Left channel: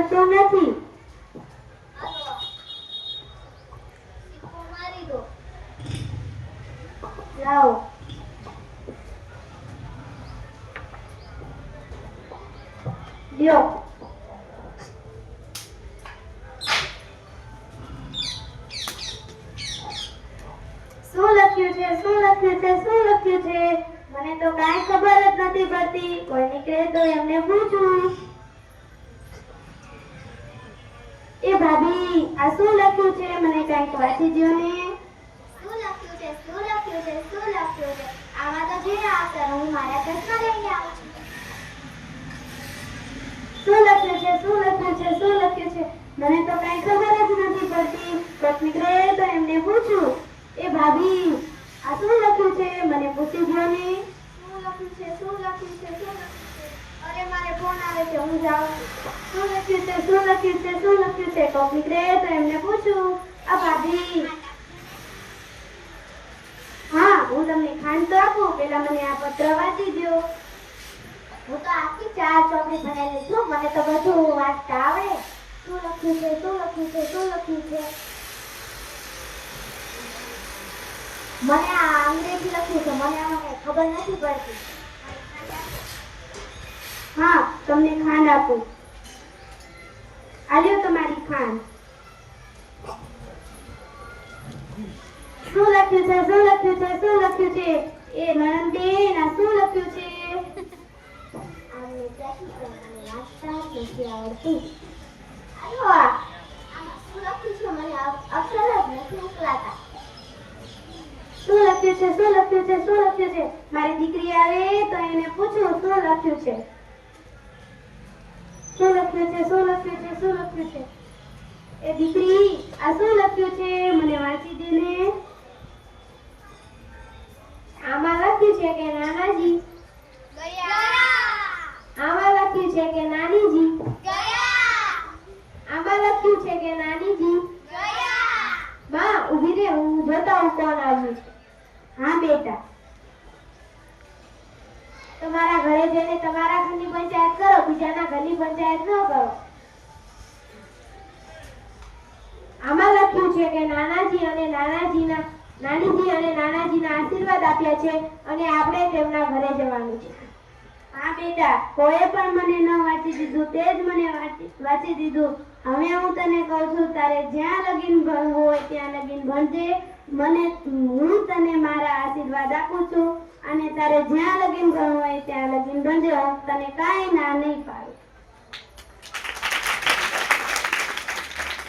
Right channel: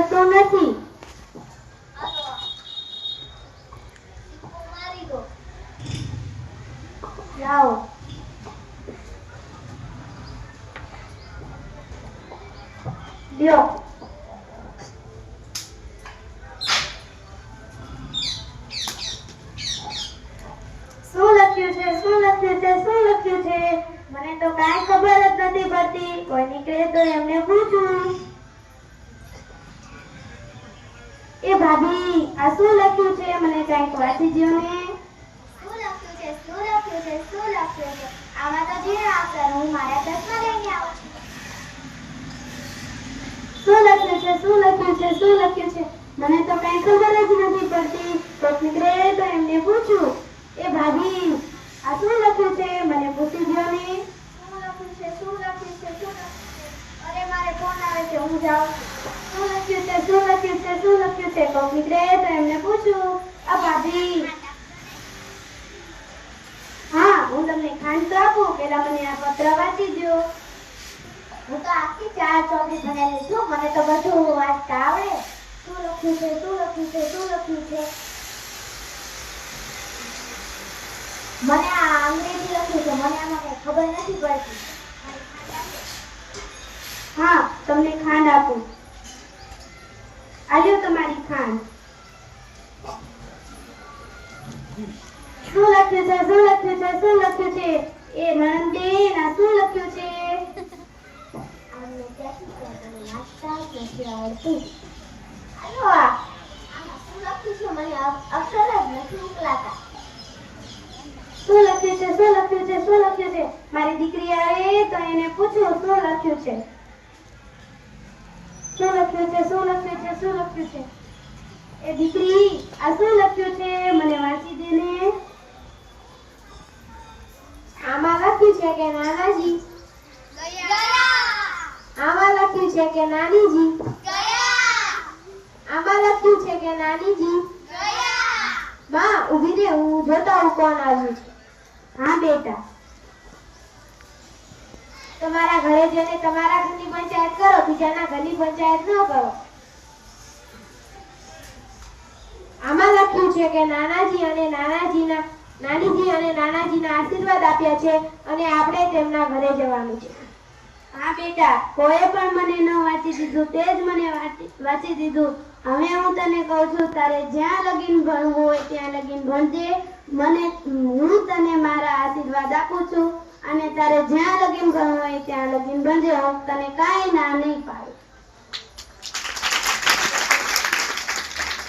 કરતો નથી. લાવો. લ્યો. શું લખ્યું છે? શું લખ્યું છે? શું લખ્યું છે? મને તો કાંઈ ખબર જ નથી પડતી. કોઈ નીકળે તો એમને પૂછું. એ ભાભી, આ શું લખ્યું છે? મને કાંઈક વાંચી દ્યો ને. શું લખ્યું છે? શું લખ્યું છે? શું લખ્યું છે? આમાં તો જે આવશે હું મારા ચશ્મા લઈને આવું છું. શું લખ્યું છે? શું લખ્યું છે? શું લખ્યું છે? મને તો કાંઈ ખબર જ નથી પડતી. કોઈક નીકળે તો એમને પૂછું. એ ભાભી, આ શું લખ્યું છે? મને પૂછી દ્યો ને. શું લખ્યું છે? શું લખ્યું છે? શું લખ્યું છે? અરે મારે ફોન આવે છે, હું જાઉં છું. શું લખ્યું છે? શું લખ્યું છે? શું લખ્યું છે? કોઈક નીકળે તો એમને પૂછું. આ ભાભી, હા, હું તમને ખાંડ તો આપું. પેલા મને આ પત્ર વાંચી દ્યો. હું તો આખી 4 ચોપડી ભણેલી છું, મને તો બધું વાંચતા આવડે. શું લખ્યું છે? શું લખ્યું છે? શું લખ્યું છે? મને આ અંગ્રેજી લખ્યું છે, મને આમાં કઈ ખબર નથી પડતી. હા, તમને ખાંડ આપું. આલ્યો તમારી ખાંડ. શું લખ્યું છે? શું લખ્યું છે? શું લખ્યું છે? એ નણંદબેન, આ શું લખ્યું છે? આમને ત્યાંથી તો મને વાંચતા જ નથી આવડતું. આયો આમાં શું લખ્યું છે? મને અક્ષર જ નથી નીકળાતા. શું લખ્યું છે? શું લખ્યું છે? શું લખ્યું છે? મારી દીકરી આવે તો એને પૂછું શું લખ્યું છે? શું લખ્યું છે? શું લખ્યું છે? શું લખ્યું છે? એ દીકરી, આ શું લખ્યું છે? મને વાંચી દે ને. આમાં લખ્યું છે કે નાનાજી. આમાં લખ્યું છે કે નાનીજી. આમાં લખ્યું છે કે નાનીજી. બા, ઊભી રહે, હું જોતા હું કોણ આવ્યું છે. હા બેટા. તમારા ઘરે જઈને તમારા ઘરની પંચાયત કરો, બીજાના ઘરની પંચાયત ન કરો. આમાં લખ્યું છે કે નાનાજી અને નાનાજીના આશીર્વાદ આપ્યા છે અને આપણે તેમના ઘરે જવાનું છે. હા બેટા, કોઈ પણ મને ન વાંચી દીધું, તે જ મને વાંચી દીધું. હવે હું તને કહું છું, તારે જ્યાં લગીન ભણવું હોય ત્યાં લગીન ભણજે. હું તને મારા આશીર્વાદ આપું છું અને તારે જ્યાં લગીન ભણવું હોય ત્યાં લગીન ભણજે. હું તને કાંઈ ના નહીં પાડું.